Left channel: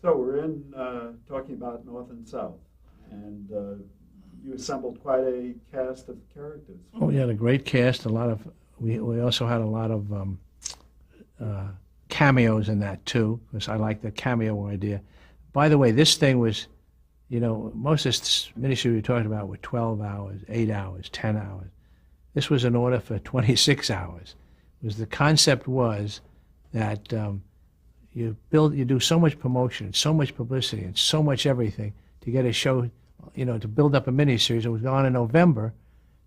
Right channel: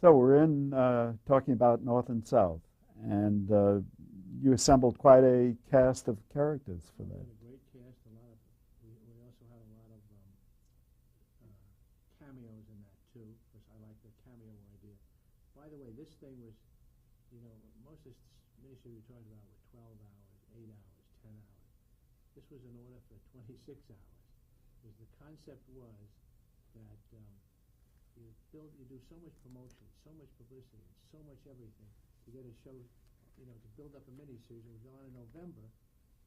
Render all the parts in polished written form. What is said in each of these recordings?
So we're in talking about North and South, and you assembled quite a cast of characters. Oh, we had a great cast. We also had a lot of uh, cameos in that too, because I like the cameo idea. By the way, this thing was, most of this miniseries we talked about were 12 hours, 8 hours, 10 hours. This was an order for 26 hours. The concept was that you do so much promotion, so much publicity, and so much everything to get a show, to build up a miniseries. It was on in November,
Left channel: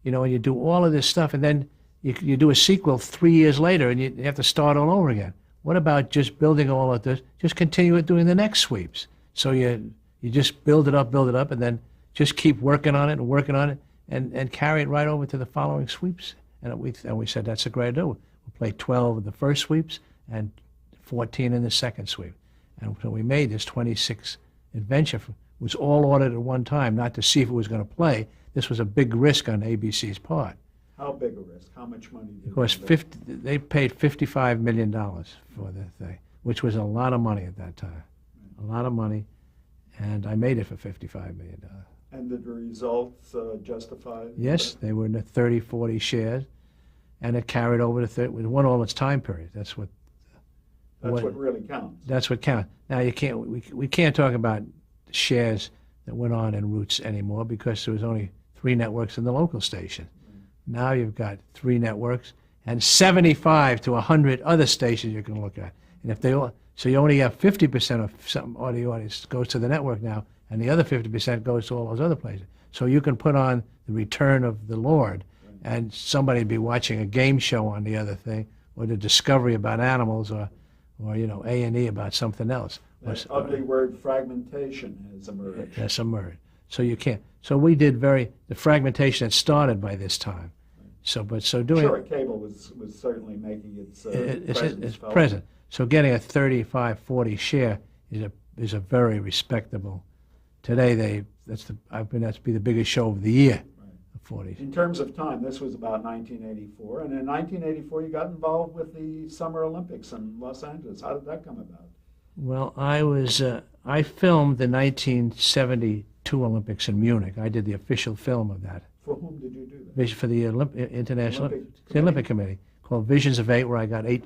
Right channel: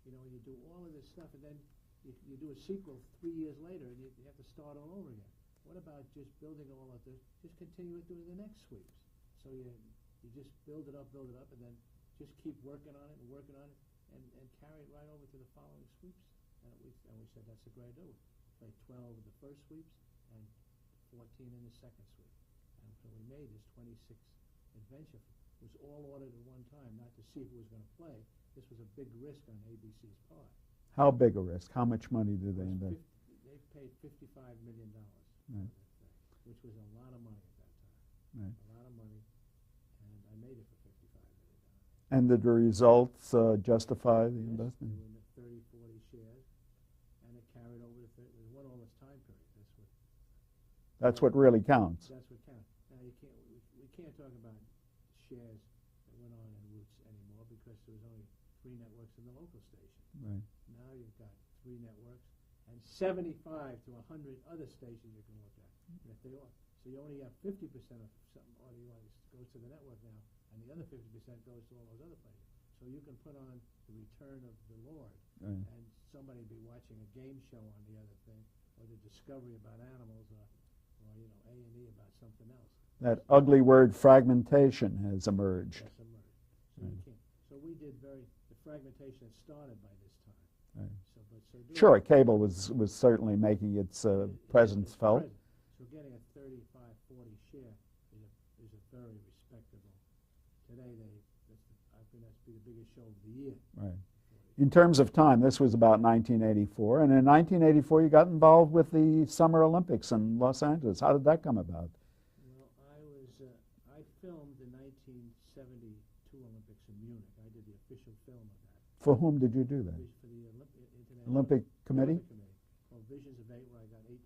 and you do all of this stuff, and then you do a sequel 3 years later, and you have to start all over again. What about just building all of this? Just continue it doing the next sweeps. So you just build it up, and then just keep working on it and working on it, and carry it right over to the following sweeps. And we said that's a great idea. We'll play 12 of the first sweeps and 14 in the second sweep. And so we made this 26 adventure. It was all ordered at one time, not to see if it was going to play. This was a big risk on ABC's part. How big a risk? How much money did Of course, they paid $55 million for the thing, which was a lot of money at that time. Right. A lot of money, and I made it for $55 million. And did the results justify? Yes, they were in the 30, 40 shares, and it carried over to 30. It won all its time period. That's what really counts. That's what counts. Now we can't talk about shares that went on in Roots anymore because there was only 3 networks in the local station. Right. Now you've got 3 networks and 75 to 100 other stations you can look at. And if so you only have 50% of some of the audience goes to the network now, and the other 50% goes to all those other places. So you can put on the Return of the Lord, right, and somebody be watching a game show on the other thing, or the Discovery about animals, or A&E about something else. That ugly word fragmentation has emerged. Has emerged. So you can't. So we did the fragmentation had started by this time. Right. Sure, cable was certainly making its presence felt. Present. So getting a 35, 40 share is a very respectable. Today that's be the biggest show of the year. Right. 40. In terms of time, this was about 1984, and in 1984 you got involved with the Summer Olympics in Los Angeles. How did that come about? Well, I filmed the 1972 Olympics in Munich. I did the official film of that. For whom did you do that? For the Olympic Committee, called Visions of 8, where I got 8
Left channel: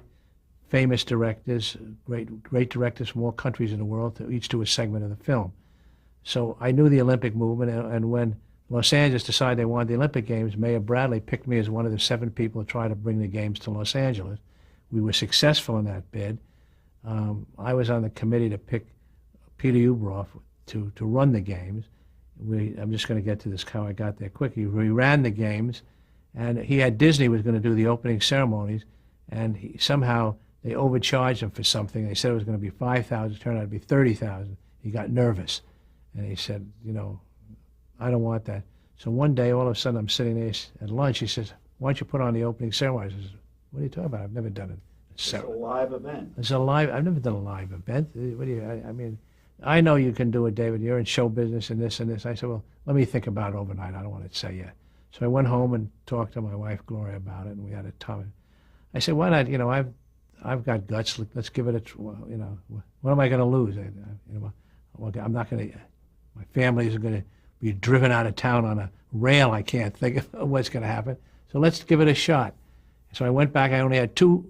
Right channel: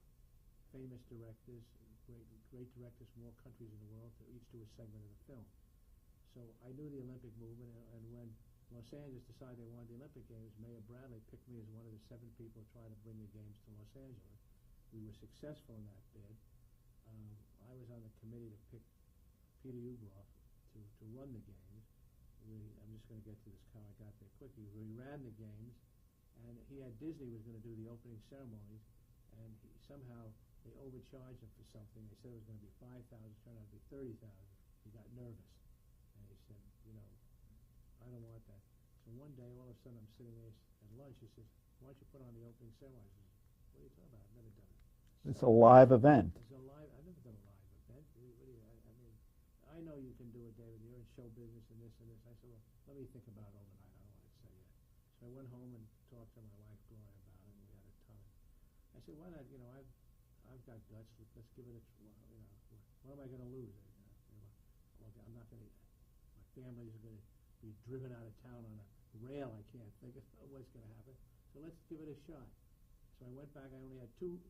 famous directors, great directors from all countries in the world, to each do a segment of the film. So I knew the Olympic movement, and when Los Angeles decided they wanted the Olympic Games, Mayor Bradley picked me as one of the 7 people to try to bring the games to Los Angeles. We were successful in that bid. I was on the committee to pick Peter Ubroff to run the games. I'm just going to get to this, how I got there quickly. We ran the games, and he had Disney was going to do the opening ceremonies, and somehow they overcharged him for something. They said it was going to be $5,000. It turned out to be $30,000. He got nervous, and he said, I don't want that. So one day, all of a sudden, I'm sitting there at lunch. He says, why don't you put on the opening ceremony? I says, what are you talking about? I've never done it. It's a live event. I've never done a live event. I know you can do it, David. You're in show business and this and this. I said, well, let me think about it overnight. I don't want to say yet. So I went home and talked to my wife, Gloria, about it, and we had a time. I said, why not? I've got guts. Let's give it what am I going to lose? I'm not going to, my family is going to be driven out of town on a rail. I can't think of what's going to happen. So let's give it a shot. So I went back. I only had 2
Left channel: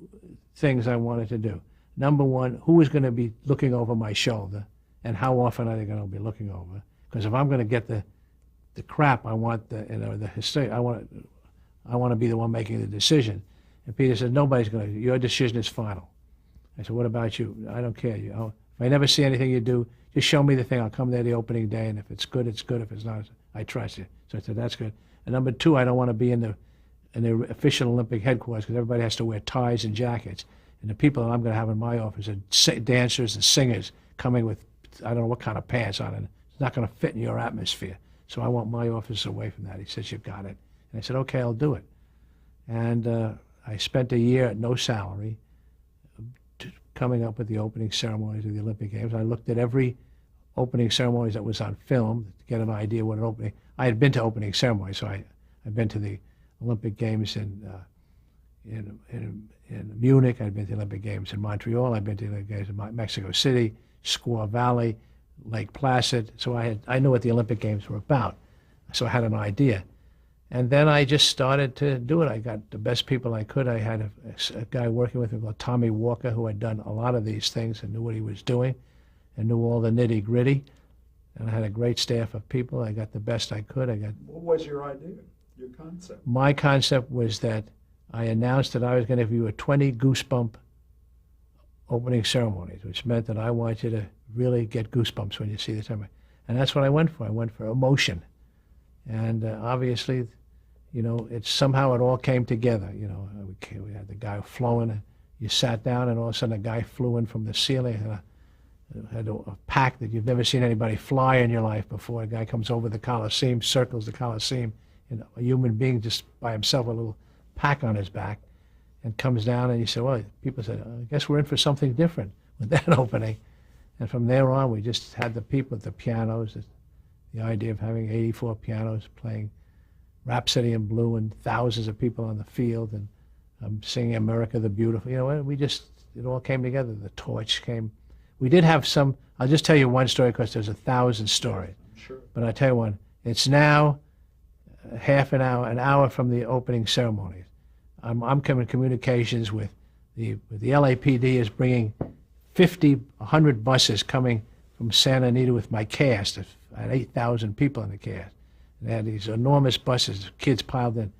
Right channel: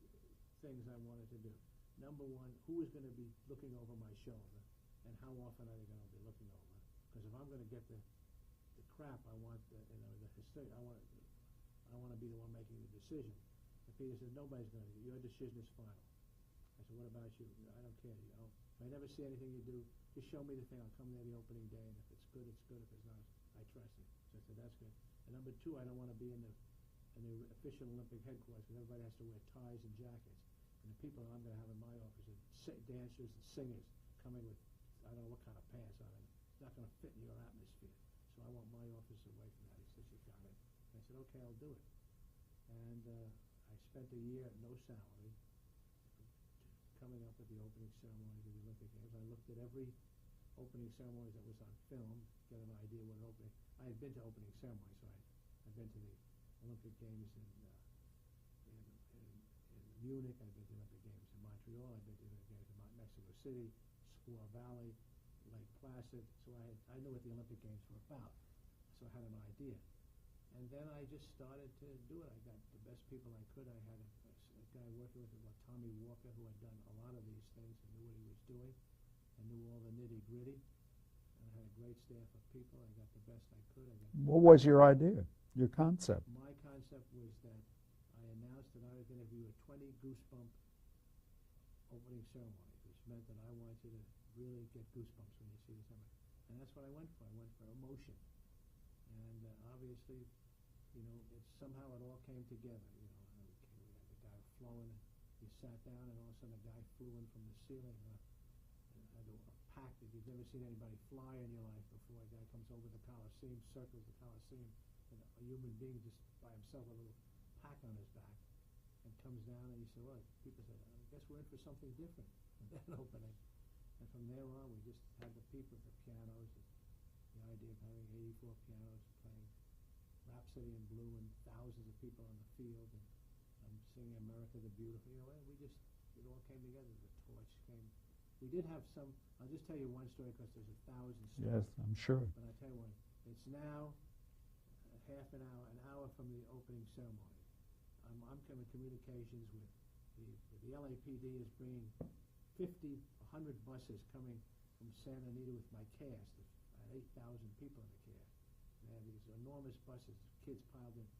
things I wanted to do. Number one, who is going to be looking over my shoulder, and how often are they going to be looking over? Because if I'm going to get the crap, I want the history. I want to be the one making the decision. And Peter said, nobody's going to. Your decision is final. I said, what about you? I don't care. If I never see anything you do, just show me the thing. I'll come there the opening day, and if it's good, it's good. If it's not, I trust you. So I said, that's good. And number 2, I don't want to be in the official Olympic headquarters because everybody has to wear ties and jackets. And the people that I'm going to have in my office are dancers and singers coming with, I don't know what kind of pants on, and it's not going to fit in your atmosphere. So I want my office away from that. He says, you've got it. And I said, okay, I'll do it. And I spent a year at no salary coming up with the opening ceremonies of the Olympic Games. I looked at every opening ceremonies that was on film to get an idea what an opening. I had been to opening ceremonies, so I'd been to the Olympic Games in Munich. I'd been to the Olympic Games in Montreal. I'd been to the Olympic Games in Mexico City, Squaw Valley, Lake Placid. So I knew what the Olympic Games were about. So I had an idea. And then I just started to do it. I got the best people I could. I had a guy working with me called Tommy Walker, who had done a lot of these things and knew what he was doing and knew all the nitty gritty. And I had a great staff of people. I got the best I could. What was your idea, your concept? My concept was that I announced that I was going to do a 20 goosebump opening ceremonies, which meant that I want you to really get goosebumps when you see the ceremony. And that's what I went for. I went for emotion. And obviously, it somehow it all came together. We had the guy flowing. You sat down, and all of a sudden, a guy flew in from the ceiling. Had a pack that you've never seen anybody fly in your life before. A guy comes over the Coliseum, circles the Coliseum, and a human being just by himself, a little pack on his back, and comes down. And you say, well, people said, I guess we're in for something different with that opening. And from there on, we just had the people at the pianos. The idea of having 84 pianos playing Rhapsody in Blue and thousands of people on the field and singing America the Beautiful. It all came together. The torch came. We did have some, I'll just tell you one story because there's 1,000 stories. Yes, I'm sure. But I'll tell you one. It's now half an hour from the opening ceremonies. I'm coming communications with the LAPD is bringing 50, 100 buses coming from Santa Anita with my cast. I had 8,000 people in the cast. And they had these enormous buses, kids piled in.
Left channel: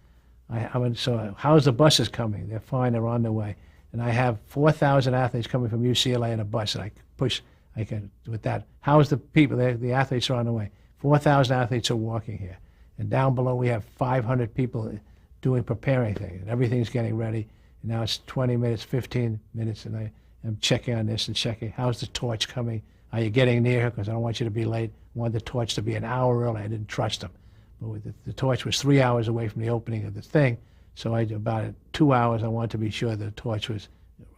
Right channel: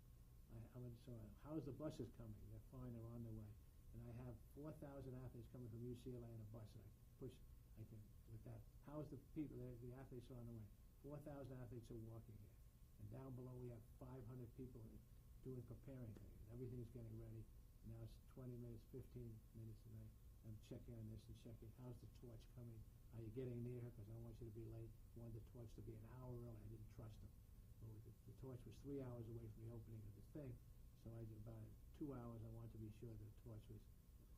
So how's the buses coming? They're fine, they're on their way. And I have 4,000 athletes coming from UCLA in a bus, and I can, with that. How's the people? The athletes are on the way. 4,000 athletes are walking here. And down below we have 500 people preparing things, and everything's getting ready. And now it's 20 minutes, 15 minutes, and I'm checking on this and checking. How's the torch coming? Are you getting near? Because I don't want you to be late. I wanted the torch to be an hour early. I didn't trust them. But the torch was 3 hours away from the opening of the thing. So about 2 hours, I wanted to be sure the torch was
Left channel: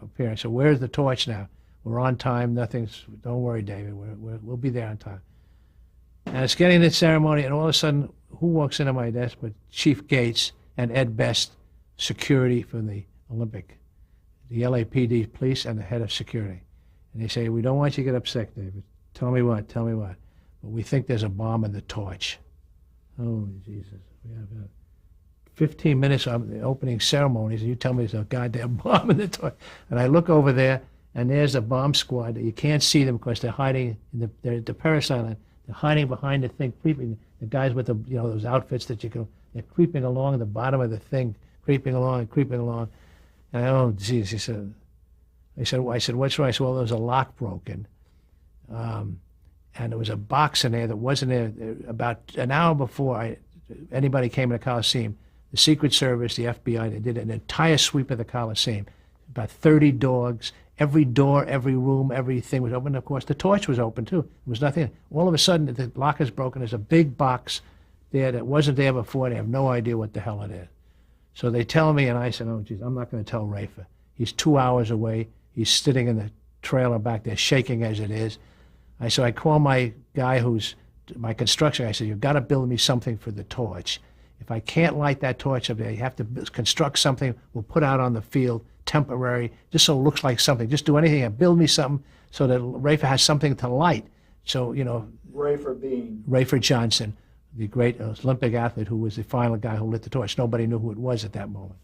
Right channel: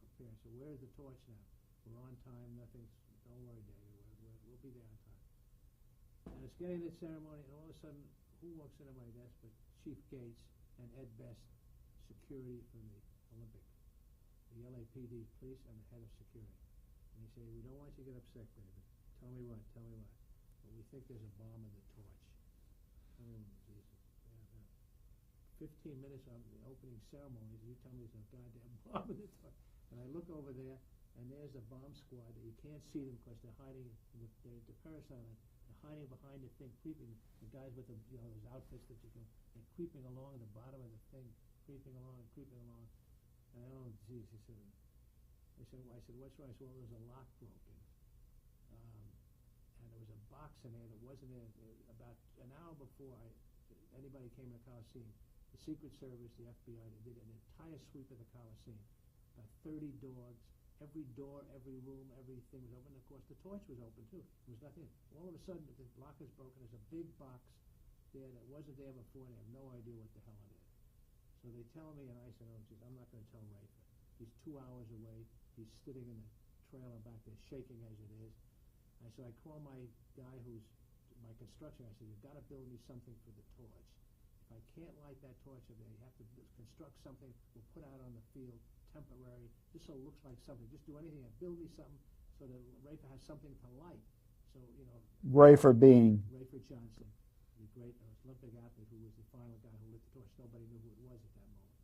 appearing. So where's the torch now? We're on time. Don't worry, David. We'll be there on time. And it's getting the ceremony, and all of a sudden, who walks into my desk but Chief Gates and Ed Best, security from the Olympic, the LAPD police, and the head of security. And they say, we don't want you to get upset, David. Tell me what. But we think there's a bomb in the torch. Oh, Jesus. We have 15 minutes of the opening ceremonies, and you tell me there's a goddamn bomb in the torch. And I look over there, and there's a bomb squad. You can't see them because they're hiding. They're at the Paris Island. They're hiding behind the thing, creeping. The guys with those outfits that they're creeping along the bottom of the thing, creeping along. And oh, geez, he said, I said, what's wrong? I said, well, there was a lock broken. And there was a box in there that wasn't there. About an hour before anybody came to the Coliseum, the Secret Service, the FBI, they did an entire sweep of the Coliseum. About 30 dogs, every door, every room, everything was open. Of course, the torch was open, too. There was nothing. All of a sudden, the lock is broken. There's a big box there that wasn't there before. They have no idea what the hell it is. So they tell me, and I said, oh, geez, I'm not going to tell Rafa. He's 2 hours away. He's sitting in the trailer back there, shaking as it is. I call my guy who's my construction guy. I said, you've got to build me something for the torch. If I can't light that torch up there, you have to construct something we'll put out on the field, temporary, just so it looks like something. Just do anything and build me something so that Rafa has something to light. So, Rafa being? Rafa Johnson, the great Olympic athlete who was the final guy who lit the torch. Nobody knew who it was at that moment.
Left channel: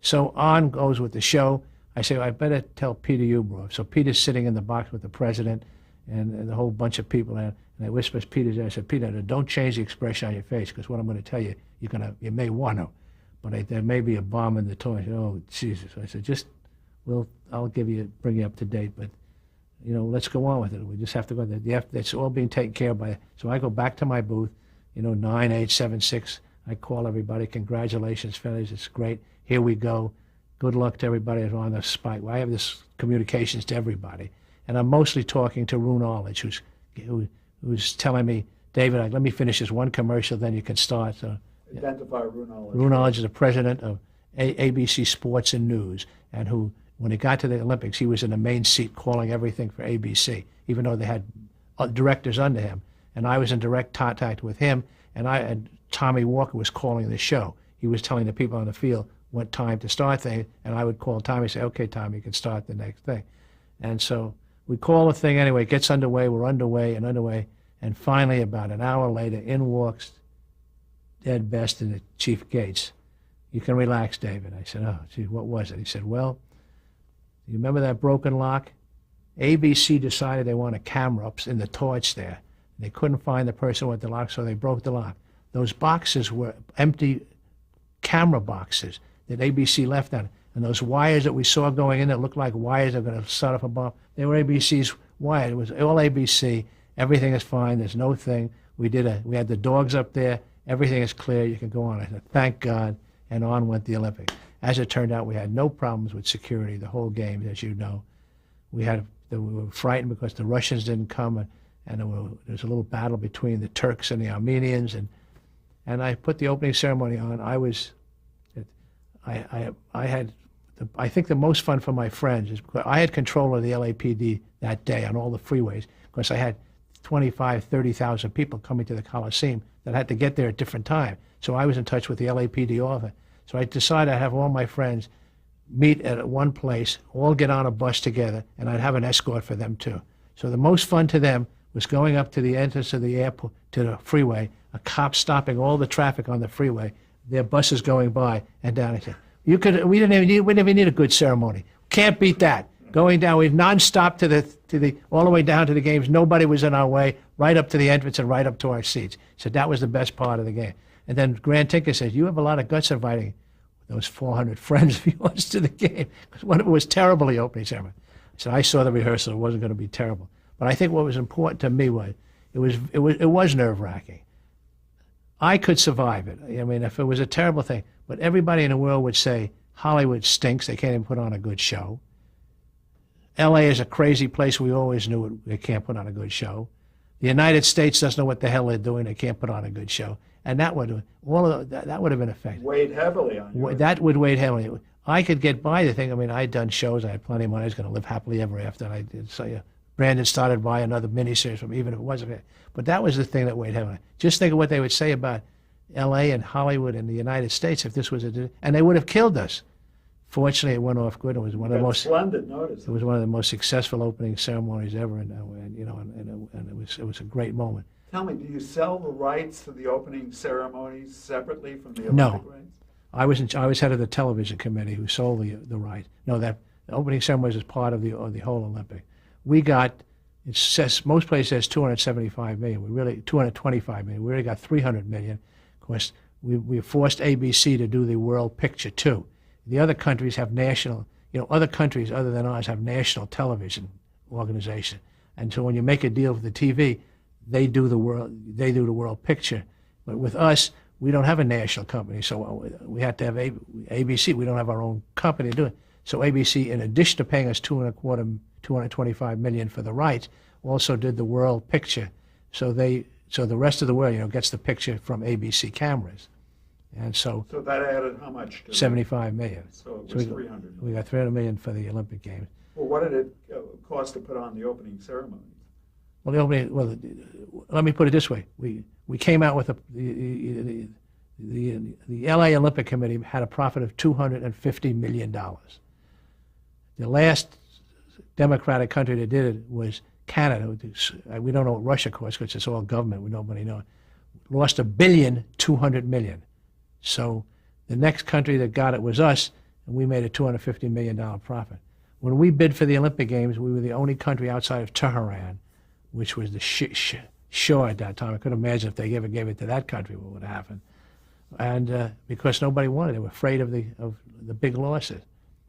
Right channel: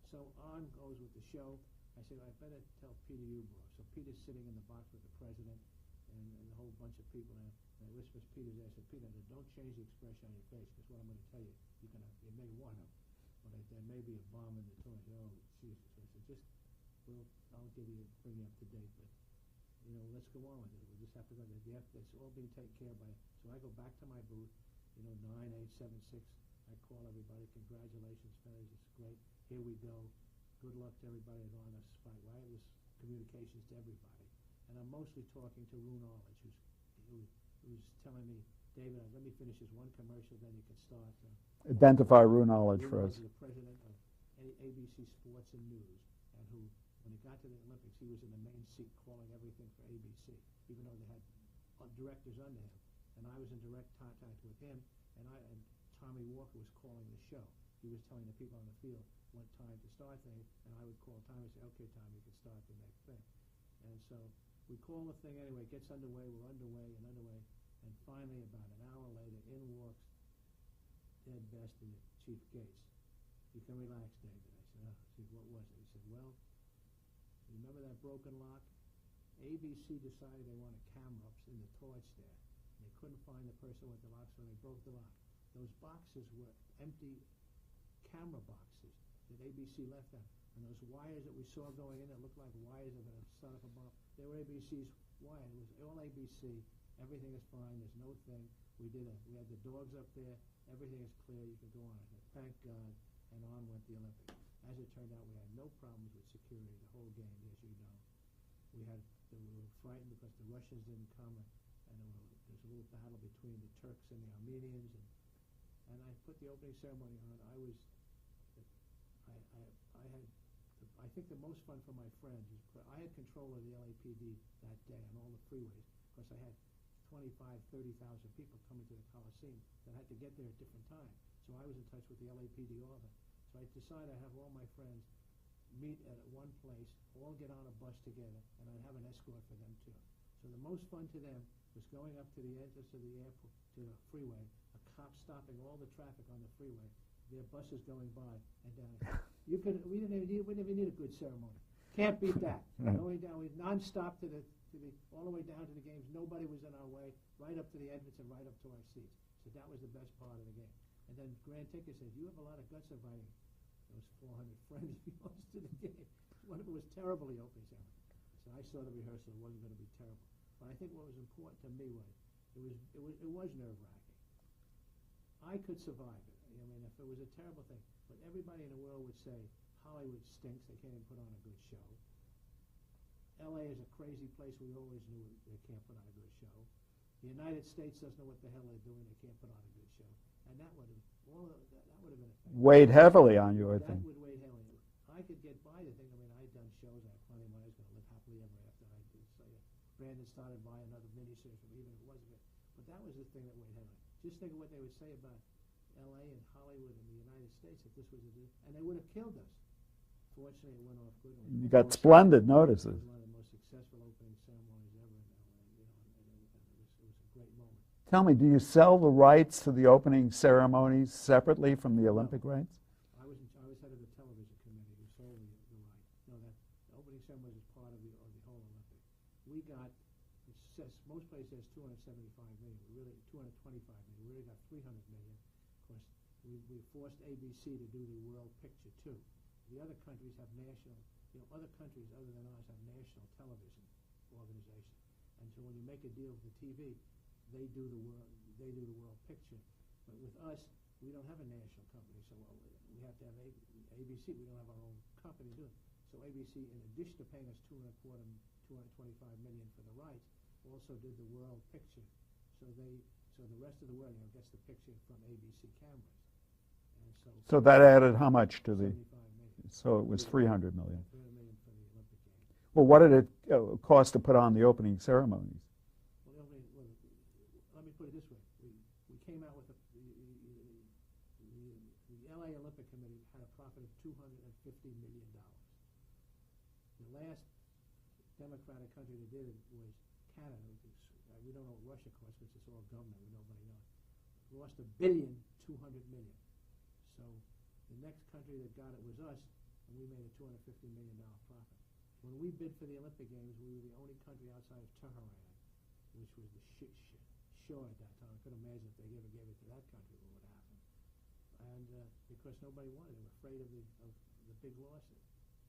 So on goes with the show. I say, I better tell Peter Ueberroth. So Peter's sitting in the box with the president and the whole bunch of people. And I whisper to Peter, I said, Peter, don't change the expression on your face, because what I'm going to tell you, you may want to, but there may be a bomb in the torch. Oh, Jesus. I said, I'll bring you up to date, but, let's go on with it. We just have to go there. It's all being taken care of by, so I go back to my booth, 9876. I call everybody, congratulations, fellas, it's great. Here we go. Good luck to everybody that's on the spike. I have this communications to everybody. And I'm mostly talking to Roone Arledge, who's telling me, David, let me finish this one commercial, then you can start. So, identify Roone Arledge. Roone Arledge is the president of ABC Sports and News, and who, when it got to the Olympics, he was in the main seat calling everything for ABC, even though they had directors under him. And I was in direct contact with him, and Tommy Walker was calling the show. He was telling the people on the field what time to start things, and I would call Tommy and say, okay, Tommy, you can start the next thing. And so We call the thing anyway. It gets underway. We're underway and underway. And finally, about an hour later, in walks Ed Best and the Chief Gates. You can relax, David. I said, oh, gee, what was it? He said, well, you remember that broken lock? ABC decided they wanted camera ups in the torch there. They couldn't find the person with the lock, so they broke the lock. Those boxes were empty camera boxes that ABC left on it. And those wires that we saw going in that looked like wires that were going to set off a bomb, they were ABC's wires. It was all ABC. Everything is fine. There's no thing. We had the dogs up there. Everything is clear. You can go on. I said, thank God. And on went the Olympics. As it turned out, we had no problems with security the whole game, as you know. We were frightened because the Russians didn't come, and there was a little battle between the Turks and the Armenians, and I put the opening ceremony on. I think the most fun for my friends is because I had control of the LAPD that day on all the freeways, because I had 25, 30,000 people coming to the Coliseum that had to get there at different times. So I was in touch with the LAPD office. So I decided I'd have all my friends meet at one place, all get on a bus together, and I'd have an escort for them too. So the most fun to them was going up to the entrance of the airport, to the freeway, a cop stopping all the traffic on the freeway, their buses going by, and down. I said, we didn't even need a good ceremony. Can't beat that. Right. Going down, we nonstop to the all the way down to the games. Nobody was in our way, right up to the entrance and right up to our seats. So that was the best part of the game. And then Grant Tinker says, you have a lot of guts inviting those 400 friends of yours to the game, because one of them was terrible, the opening ceremony. I said, I saw the rehearsal. It wasn't going to be terrible. But I think what was important to me was it was nerve-wracking. I could survive it. I mean, if it was a terrible thing, but everybody in the world would say, Hollywood stinks. They can't even put on a good show. L.A. is a crazy place. We always knew they can't put on a good show. The United States doesn't know what the hell they're doing. They can't put on a good show. And that would have been effective. Weighed heavily on you. That would weigh heavily. I could get by the thing. I mean, I'd done shows. I had plenty of money. I was going to live happily ever after. And I did. So yeah, Brandon started by another miniseries from, even if it wasn't it. But that was the thing that weighed heavily. Just think of what they would say about L.A. and Hollywood and the United States if this was and they would have killed us. Fortunately, it went off good. It was one of the most splendid notice. It was one of the most successful opening ceremonies ever, and it was a great moment. Tell me, do you sell the rights to the opening ceremonies separately from the Olympic rights? I was head of the television committee who sold the rights. No, that the opening ceremonies is part of the whole Olympic. We got, it says most places says 275 million. 225 million. We really got 300 million. Of course, we forced ABC to do the World Picture too. The other countries have national, other countries other than ours have national television organization. And so when you make a deal with the TV, they do the world picture. But with us, we don't have a national company, so we had to have ABC. We don't have our own company to do it. So ABC, in addition to paying us $225 million for the rights, also did the world picture. So the rest of the world, gets the picture from ABC cameras. And so that added how much to $75 million. So it was 300 million. We got 300 million for the Olympic Games. Well, what did it cost to put on the opening ceremonies? Well, let me put it this way: we came out with the L.A. Olympic Committee had a profit of $250 million. The last democratic country that did it was Canada. We don't know what Russia costs because it's all government. Nobody knows. Lost $1.2 billion. So the next country that got it was us, and we made a $250 million profit. When we bid for the Olympic Games, we were the only country outside of Tehran, which was the shore at that time. I couldn't imagine if they ever gave it to that country what would happen. And because nobody wanted it, they were afraid of the big losses.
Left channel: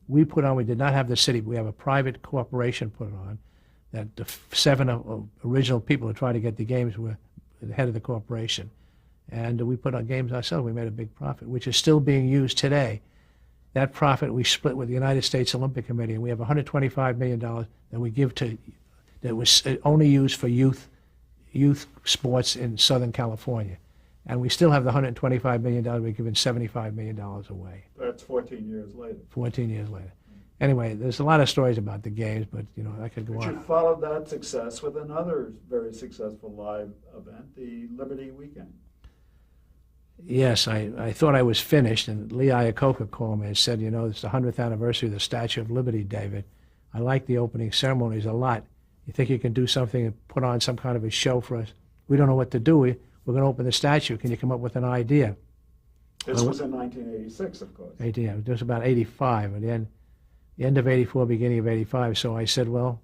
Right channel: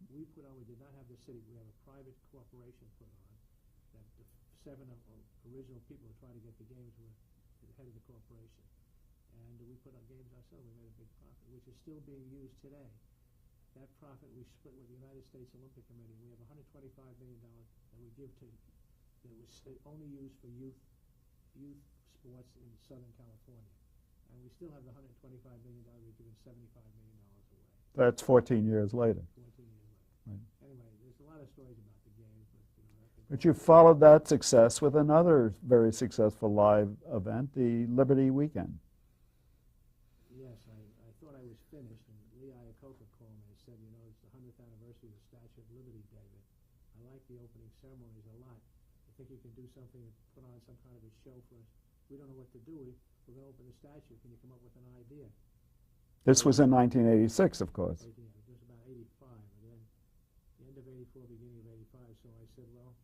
We did not have the city. We have a private corporation put it on. That the 7 original people who tried to get the games were the head of the corporation. And we put on games ourselves. We made a big profit, which is still being used today. That profit we split with the United States Olympic Committee, and we have $125 million that we give that was only used for youth sports in Southern California. And we still have the $125 million. We've given $75 million away. That's 14 years later. 14 years later. Right. Anyway, there's a lot of stories about the games, but I could go on. But you followed that success with another very successful live event, the Liberty Weekend. Yes, I thought I was finished, and Lee Iacocca called me and said, it's the 100th anniversary of the Statue of Liberty, David. I like the opening ceremonies a lot. You think you can do something and put on some kind of a show for us? We don't know what to do. We're going to open the statue. Can you come up with an idea? This was in 1986, of course. Idea. It was about 85, and then the end of 84, beginning of 85. So I said, well,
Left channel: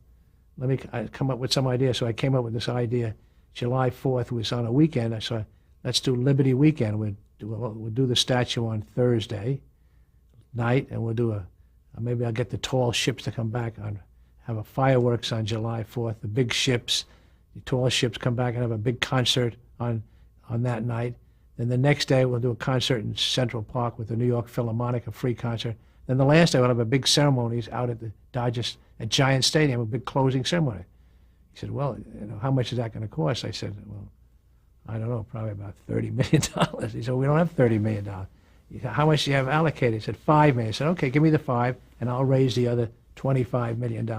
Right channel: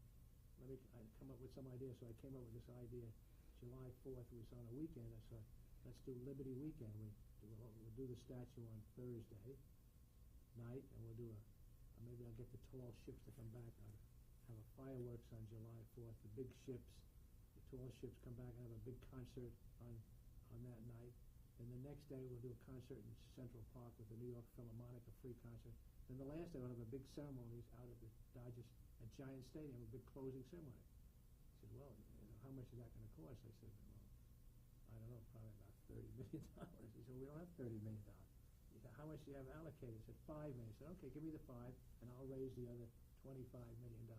let me come up with some idea. So I came up with this idea. July 4th was on a weekend. I said, let's do Liberty Weekend. We'll do the statue on Thursday night, and we'll do maybe I'll get the tall ships to come back have a fireworks on July 4th. The big ships, the tall ships come back and have a big concert on that night. Then the next day we'll do a concert in Central Park with the New York Philharmonic, a free concert. Then the last day we'll have a big ceremonies out at the Dodgers at Giant Stadium, a big closing ceremony. He said, well, how much is that going to cost? I said, well, I don't know, probably about $30 million. He said, we don't have $30 million. He said, how much do you have allocated? He said, $5 million. I said, okay, give me the 5, and I'll raise the other $25 million.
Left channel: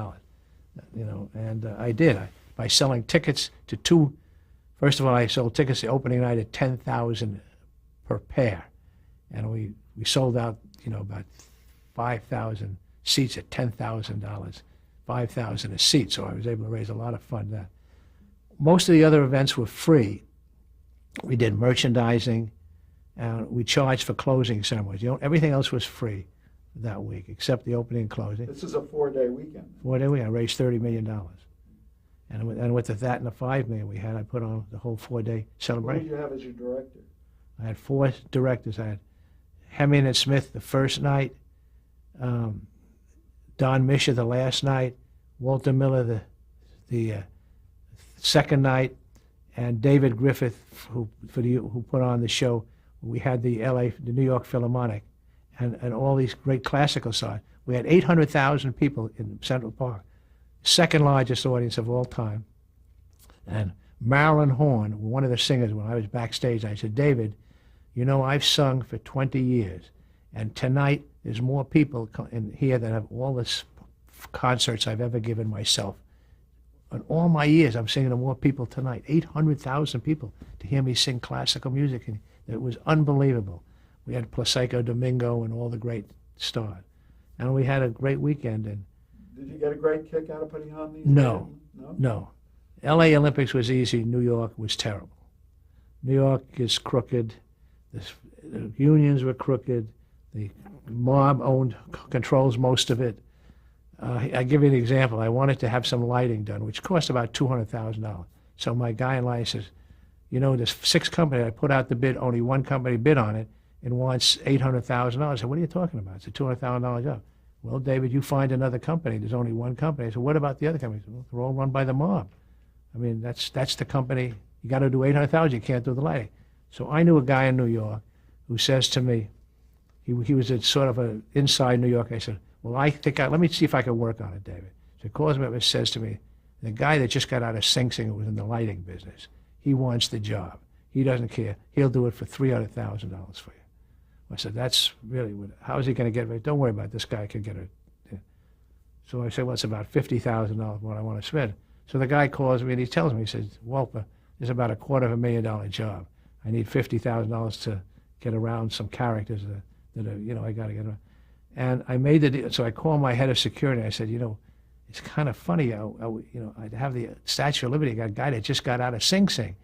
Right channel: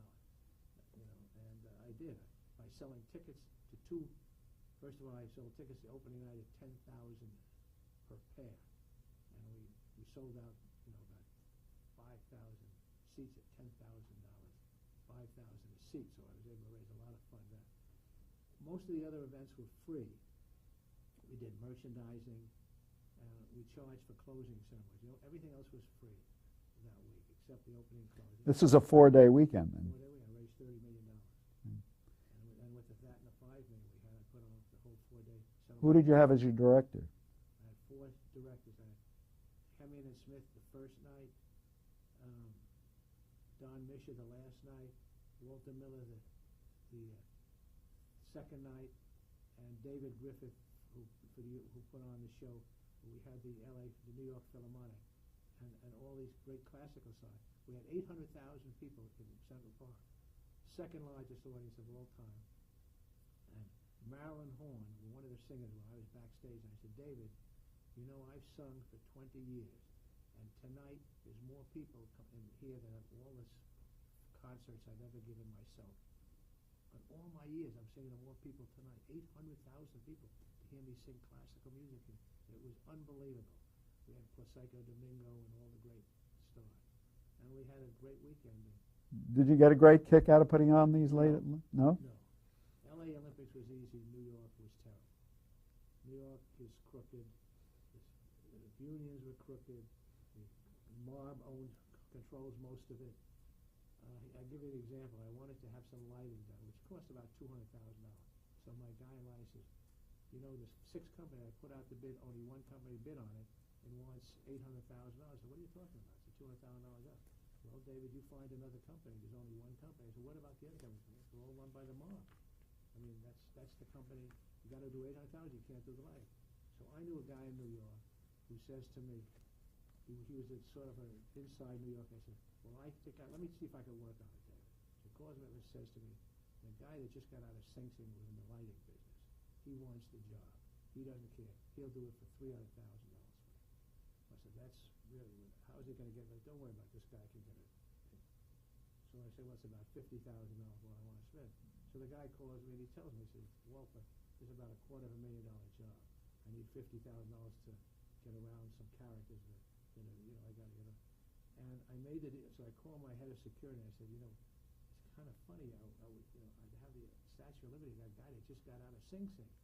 And I did. By selling tickets to two. First of all, I sold tickets the opening night at $10,000 per pair, and we sold out, about 5,000 seats at $10,000, 5,000 a seat. So I was able to raise a lot of funds. Most of the other events were free. We did merchandising, and we charged for closing ceremonies. Everything else was free that week, except the opening and closing. This is a 4-day weekend. 4-day weekend. I raised $30 million. And with that and the $5 million we had, I put on the whole 4-day celebration. Who did you have as your director? I had 4 directors. I had Hemian and Smith the first night, Don Misha the last night, Walter Miller the second night, and David Griffith who put on the show. We had the New York Philharmonic, and all these great classical songs. We had 800,000 people in Central Park, second largest audience of all time. And Marilyn Horn, one of the singers, when I was backstage, I said, David, I've sung for 20 years, and tonight there's more people in here than have all the concerts I've ever given myself. In all my years, I'm singing to more people tonight, 800,000 people to hear me sing classical music, and it was unbelievable. We had Placido Domingo and all the great stars, and we had a great weekend. And did you get a great kick out of putting on these? No. L.A. Olympics was easy. New York was terrible. New York is crooked. The unions were crooked. The mob controls most of it. I give you an example. I wanted to have some lighting done, which cost about $200,000. So my guy in line says, there's 6 companies. I put out the bid. Only one company bid on it and wants $800,000. I said, what are you talking about? It's a $200,000 job. Well, David, you find another company. There's only one company. I said, what about the other companies? Well, they're all run by the mob. I mean, that's the company. You got to do $800,000. You can't do the lighting. So I knew a guy in New York who says to me, he was a sort of an inside New York. I said, well, let me see if I can work on it, David. So he calls me up and says to me, the guy that just got out of Sing Sing was in the lighting business. He wants the job. He doesn't care. He'll do it for $300,000 for you. I said, that's really how is he going to get it? Don't worry about it. This guy can get it. Yeah. So I said, well, it's about $50,000 what I want to spend. So the guy calls me and he tells me, he says, Wolper, this is about a $250,000 job. I need $50,000 to get around some characters that are, I got to get around. And I made the deal. So I called my head of security. I said, it's kind of funny. I'd have the Statue of Liberty, got a guy that just got out of Sing Sing.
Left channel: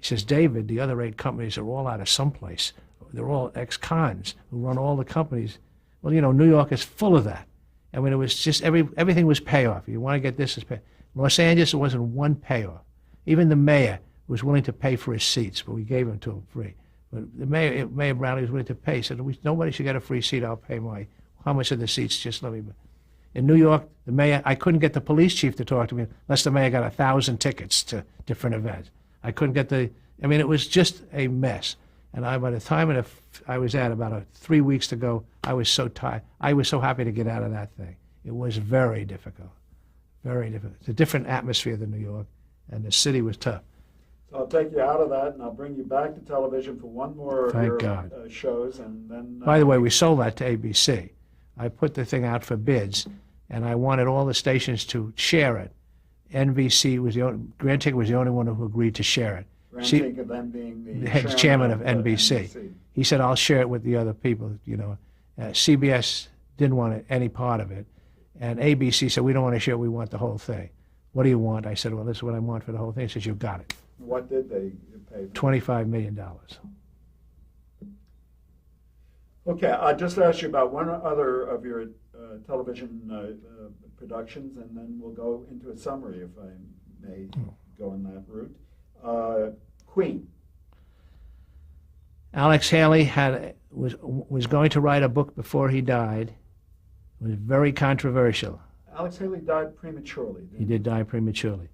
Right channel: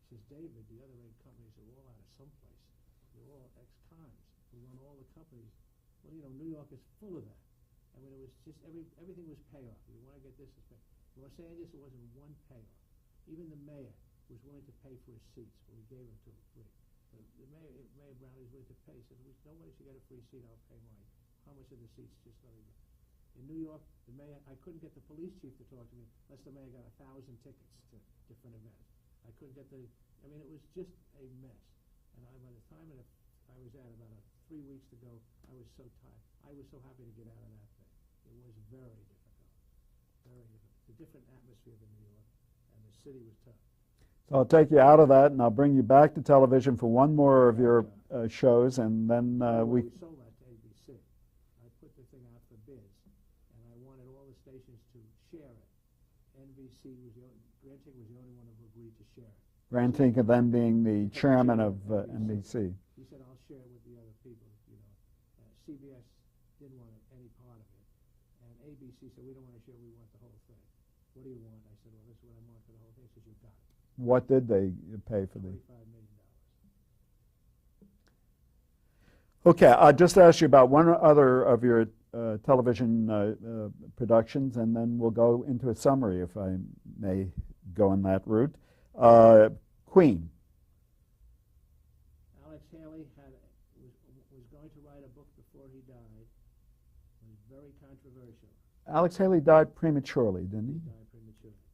He says, David, the other 8 companies are all out of someplace. They're all ex-cons who run all the companies. Well, New York is full of that. I mean, it was just everything was payoff. You want to get this as pay. Los Angeles, it wasn't one payoff. Even the mayor was willing to pay for his seats, but we gave them to him free. But the Mayor Brownlee was willing to pay. He said, nobody should get a free seat. I'll pay how much of the seats? Just let me. In New York, the mayor, I couldn't get the police chief to talk to me unless the mayor got 1,000 tickets to different events. I couldn't get it was just a mess. And by the time I was at about 3 weeks to go, I was so tired. I was so happy to get out of that thing. It was very difficult, very difficult. It's a different atmosphere than New York, and the city was tough. So I'll take you out of that, and I'll bring you back to television for one more of your shows, and then... By the way, we sold that to ABC. I put the thing out for bids, and I wanted all the stations to share it. NBC was Grant Tinker was the only one who agreed to share it. Grant Tinker then being the chairman of NBC. He said, I'll share it with the other people, CBS didn't want any part of it, and ABC said, we don't want to share it, we want the whole thing. what do you want? I said, well, this is what I want for the whole thing. He says, you've got it. What did they pay for? $25 million. Okay, I'll just ask you about one other of your television productions, and then we'll go into a summary, if I may go in that route. Queen. Alex Haley was going to write a book before he died. It was very controversial. Alex Haley died prematurely, didn't he? He did die prematurely.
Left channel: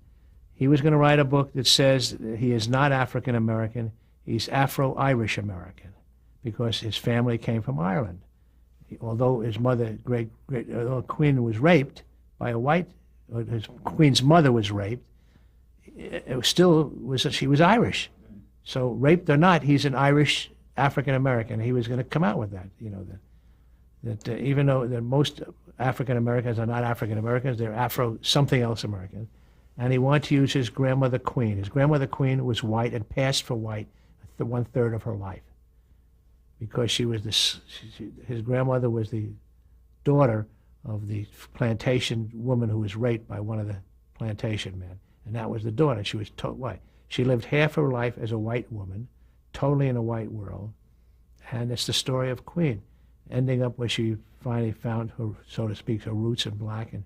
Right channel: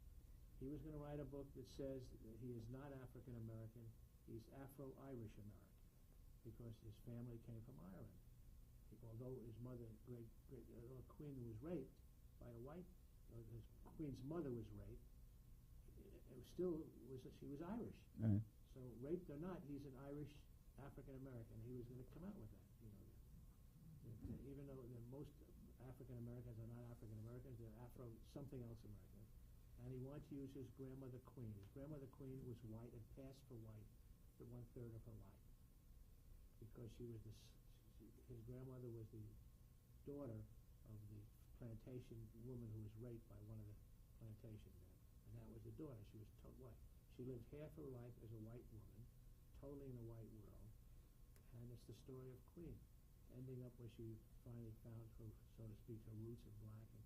He was going to write a book that says that he is not African American, he's Afro-Irish American, because his family came from Ireland. Although his mother, Queen, was raped by a white, Queen's mother was raped, she was Irish. Right. So raped or not, he's an Irish African American. He was going to come out with that, that even though that most African Americans are not African Americans, they're Afro something else American, and he wanted to use his grandmother Queen. His grandmother Queen was white and passed for white the 1/3 of her life, because she was his grandmother was the daughter of the plantation woman who was raped by one of the plantation men, and that was the daughter. She was white. She lived half her life as a white woman, totally in a white world, and it's the story of Queen, ending up where she finally found her, so to speak, her roots in black, and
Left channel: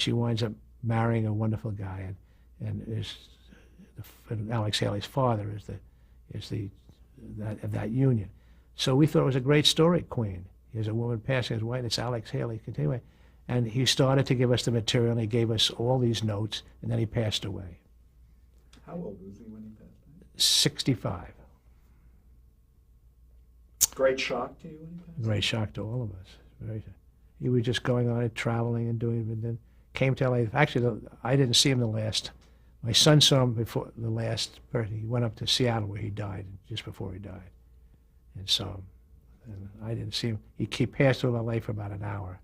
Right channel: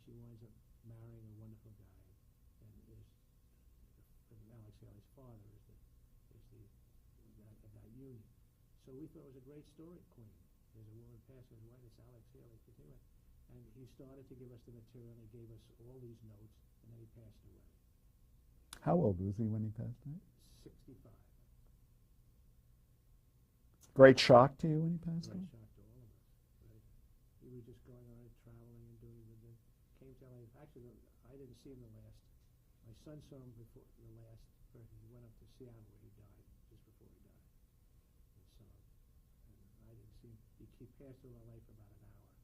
she winds up marrying a wonderful guy, and Alex Haley's father is that union. So we thought it was a great story, Queen. Here's a woman passing as white, it's Alex Haley, continuing. And he started to give us the material, and he gave us all these notes, and then he passed away. How old was he when he passed away? 65. Great shock to you when he passed away? Great shock to all of us. He was just going on it, traveling and doing it, and then came to LA. Actually, I didn't see him the last. My son saw him before the last birthday. He went up to Seattle where he died, just before he died, and saw him. And I didn't see him. He passed through LA for about an hour,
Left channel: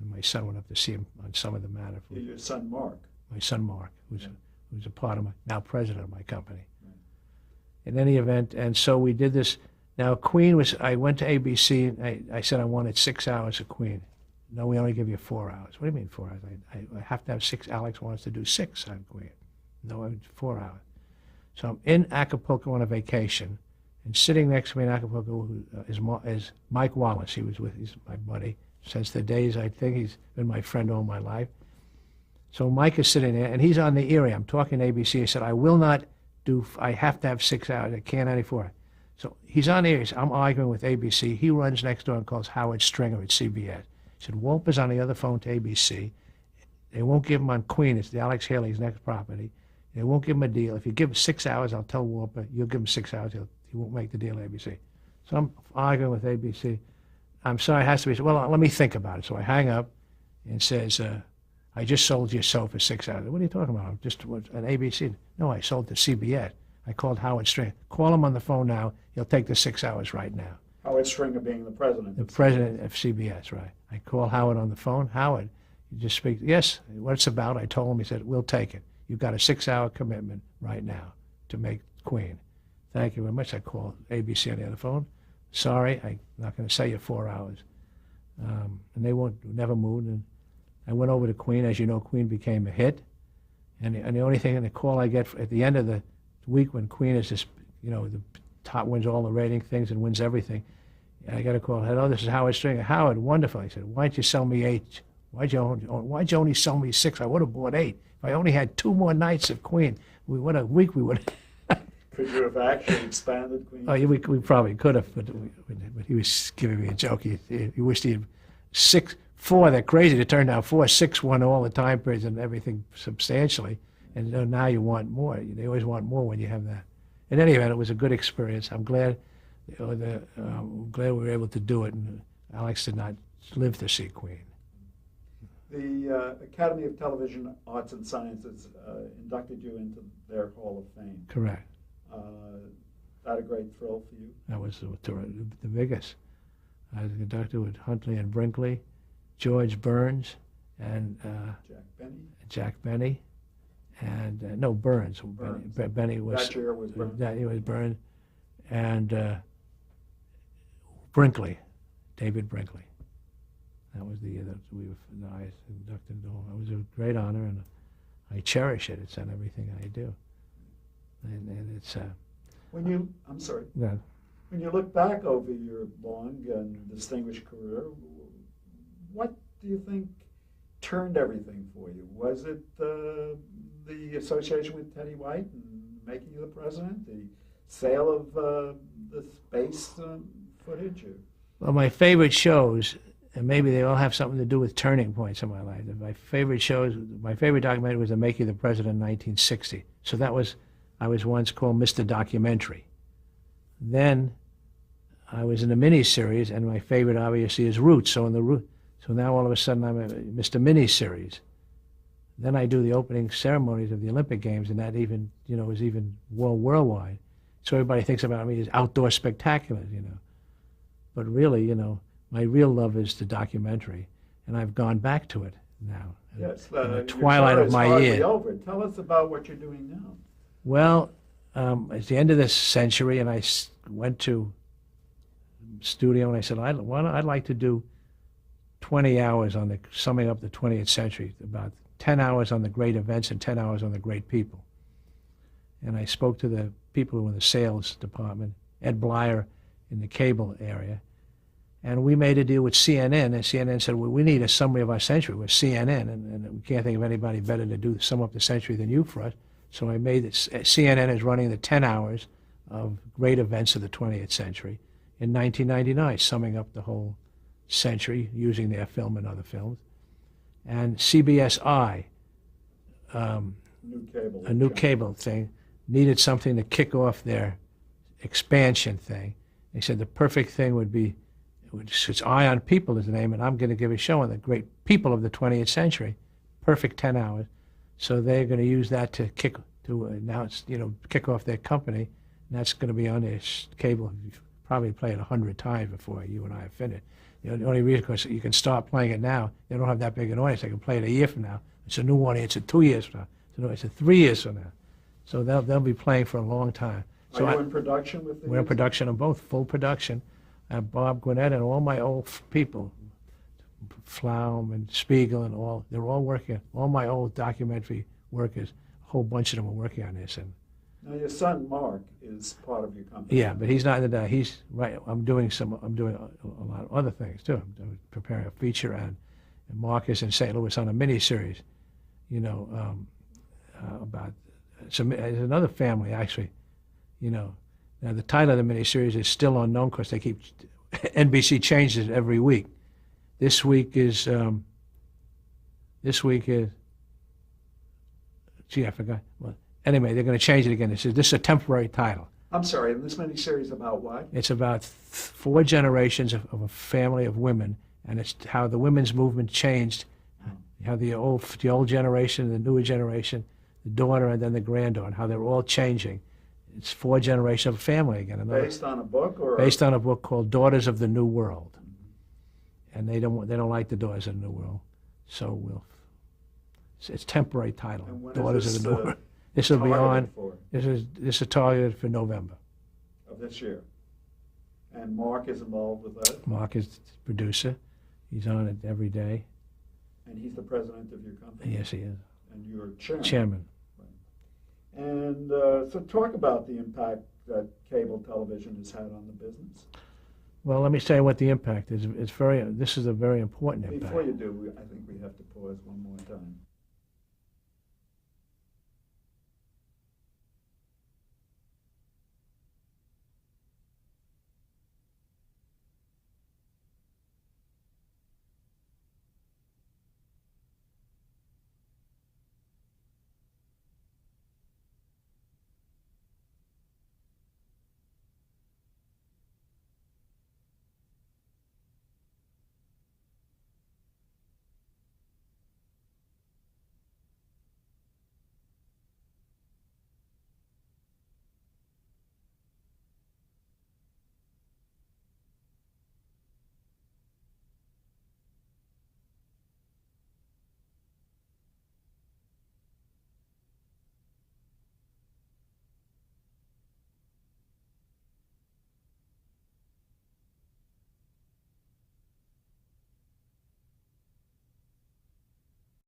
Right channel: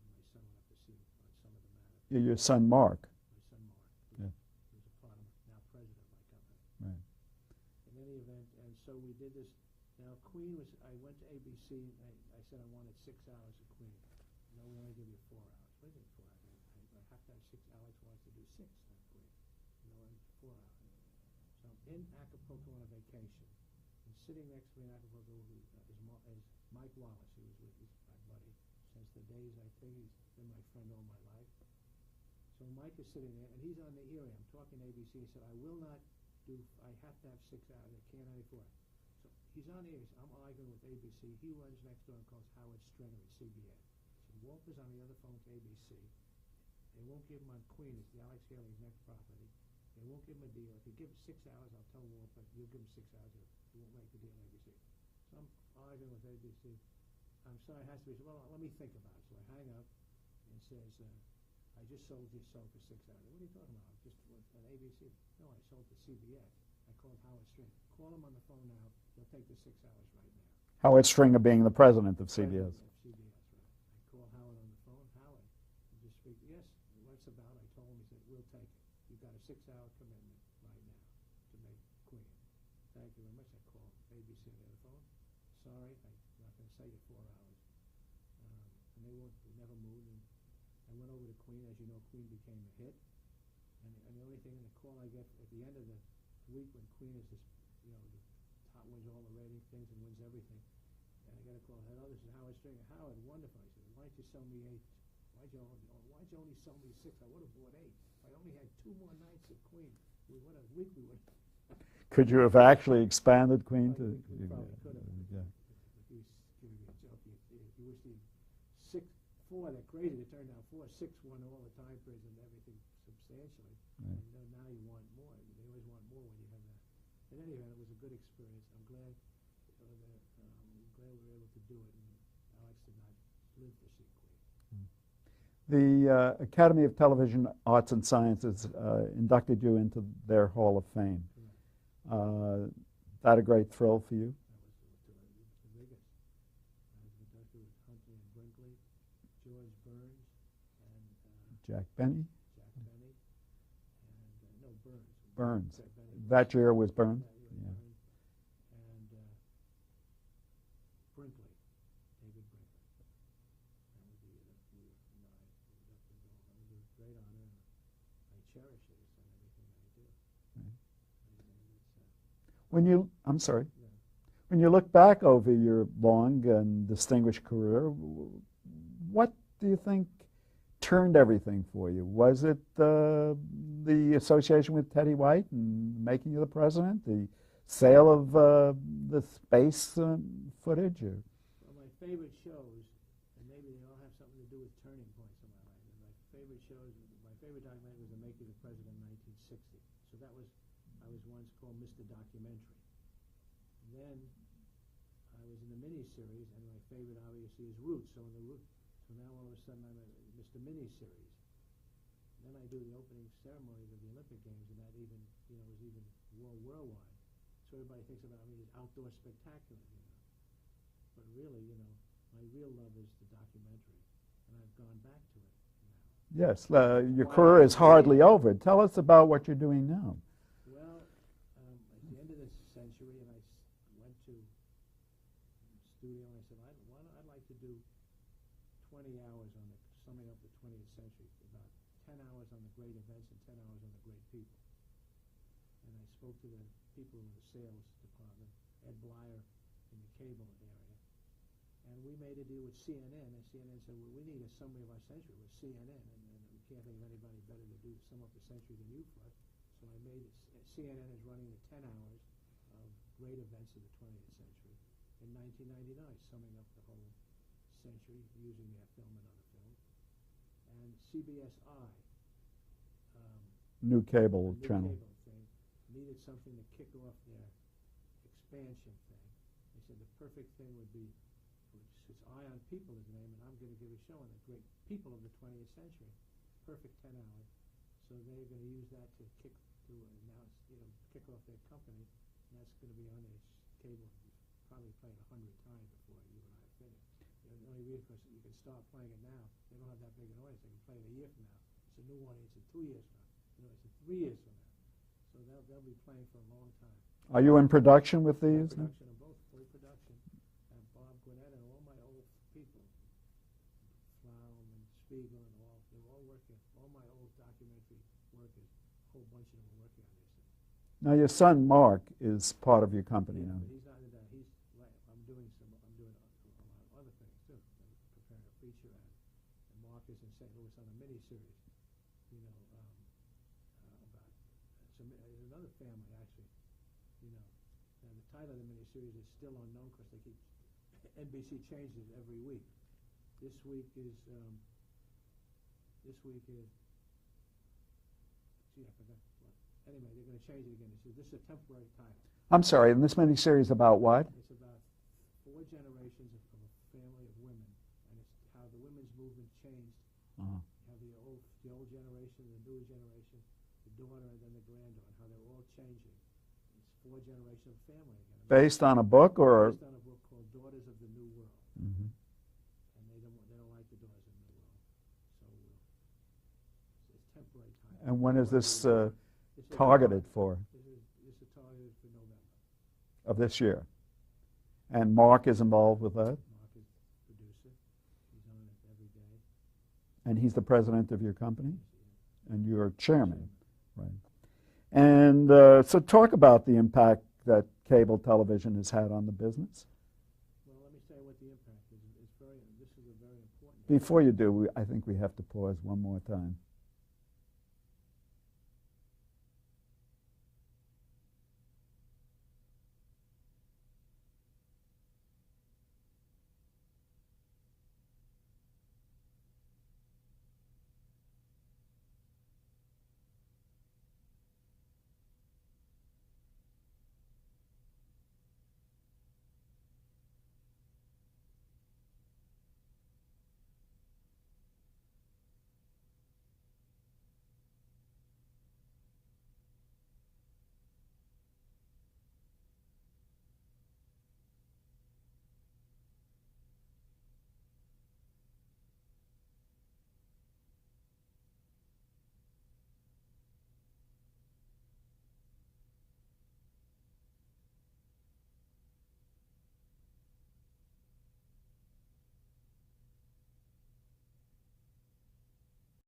and my son went up to see him on some of the matter. Your son Mark? My son Mark, who's a part of now president of my company. Right. In any event, and so we did this. Now, Queen I went to ABC, and I said I wanted 6 hours of Queen. No, we only give you 4 hours. What do you mean 4 hours? I have to have 6. Alex wants to do 6 on Queen. No, I 4 hours. So I'm in Acapulco on a vacation, and sitting next to me in Acapulco is Mike Wallace. He's my buddy since the days, I think he's been my friend all my life. So Mike is sitting there, and he's on the area. I'm talking to ABC. He said, I have to have 6 hours. I can't any 4. So he's on the air. I'm arguing with ABC. He runs next door and calls Howard Stringer at CBS. He said, Wolper's on the other phone to ABC. They won't give him on Queen. It's the Alex Haley's next property. They won't give him a deal. If you give him 6 hours, I'll tell Wolper. You'll give him 6 hours. He won't make the deal at ABC. So I'm arguing with ABC. I'm sorry, it has to be. Well, let me think about it. So I hang up and says, I just sold your show for 6 hours. What are you talking about? I'm just an ABC. No, I sold to CBS. I called Howard Stringer. Call him on the phone now. He'll take the 6 hours right now. Howard Stringer being the president. The president of CBS, right. I call Howard on the phone. Howard, you just speak. Yes, what it's about. I told him. He said, we'll take it. You've got a 6-hour commitment right now to make Queen. Thank you very much. I called ABC on the other phone. Sorry, I'm not going to say you 4 hours. And they never moved. And I went over to Queen. As you know, Queen became a hit. And the only thing in the call I get at the end of the week when Queen is just, the top, wins all the rating things and wins everything, I got a call. Hello, this is Howard Stringer. Howard, wonderful. He said, why don't you sell me 8? Why'd you only sell me 6? I would have bought 8. If I only had 2 more nights of Queen, what a week we would have. Could you have actually expanded Queen? Oh, we probably could have, but he was giving me a joke. He wished he had 4. They're crazy to turn down 4. 6 won all the time periods and everything substantially. And now you want more. They always want more when you have that. In any event, it was a good experience. I'm glad, we were able to do it. And Alex did not live to see Queen. The Academy of Television Arts and Sciences inducted you into their Hall of Fame. Correct. That a great thrill for you? That was the biggest. I was inducted with Huntley and Brinkley, George Burns, and Jack Benny. And no, Burns. Benny was. That year was Burns? That year was Burns. And Brinkley, David Brinkley. That was the year that I was inducted into the Hall. It was a great honor, and I cherish it. It's in everything I do. And it's, I'm sorry, yeah. when you look back over your long and distinguished career, what do you think turned everything for you? Was it the association with Teddy White and making you the president, the sale of the space footage? Or? Well, my favorite shows, and maybe they all have something to do with turning points in my life. My favorite shows, my favorite documentary was The Making of the President in 1960. So I was once called Mr. Documentary. Then I was in a miniseries, and my favorite obviously is Roots. So now all of a sudden I'm a Mr. Miniseries. Then I do the opening ceremonies of the Olympic Games, and that even, is even worldwide. So everybody thinks about me as outdoor spectaculars, But really, my real love is the documentary, and I've gone back to it now. Yes, the your twilight career of is my hardly year. over. Tell us about what you're doing now. Well, it's the end of this century, and I went to studio, and I said, I'd like to do 20 hours on summing up the 20th century, about 10 hours on the great events and 10 hours on the great people. And I spoke to the people who were in the sales department, Ed Blyer in the cable area, and we made a deal with CNN, and CNN said, well, we need a summary of our century. We're CNN, and we can't think of anybody better to sum up the century than you for us. So I made it. CNN is running the 10 hours of great events of the 20th century in 1999, summing up the whole century using their film and other films. And CBSI, New cable. a new cable thing, needed something to kick off their expansion thing. They said the perfect thing would be, it's Eye on People is the name, and I'm going to give a show on the great people of the 20th century. Perfect 10 hours. So they're going to use that to kick off their company, and that's going to be on their cable. You've probably played it 100 times before you and I have finished. The only reason, because you can start playing it now, they don't have that big an audience. They can play it a year from now. It's a new audience at 2 years from now. It's a 3 years from now. So they'll be playing for a long time. Are you in production with these? We're in production of both, full production. Bob Gwinnett and all my old people, Flaum and Spiegel and they're all working. All my old documentary workers, a whole bunch of them are working on this. And now your son Mark is part of your company. yeah, but he's not in the. He's right. I'm doing a lot of other things too. I'm preparing a feature, and Mark is in St. Louis on a miniseries. About there's another family actually. Now the title of the miniseries is still unknown because they keep NBC changes it every week. This week is gee, I forgot. Well, anyway, they're going to change it again. This is a temporary title. I'm sorry, and this miniseries about what? It's about 4 generations of a family of women, and it's how the women's movement changed, how the old generation, the newer generation, the daughter, and then the granddaughter, how they're all changing. It's 4 generations of a family again. Based on a book, or based on a book called Daughters of the New World, and they don't like the Daughters of the New World, so it's temporary title. And when Daughters is of the New World. This will be targeted on. for? This is targeted for November. Of this year. And Mark is involved with that? Mark is the producer. He's on it every day. And he's the president of your company? Yes, he is. And you're chairman? Chairman. Right. And so talk about the impact that cable television has had on the business. Well, let me say what the impact is. This is a very important impact. Before you do, I think we have to pause one more time.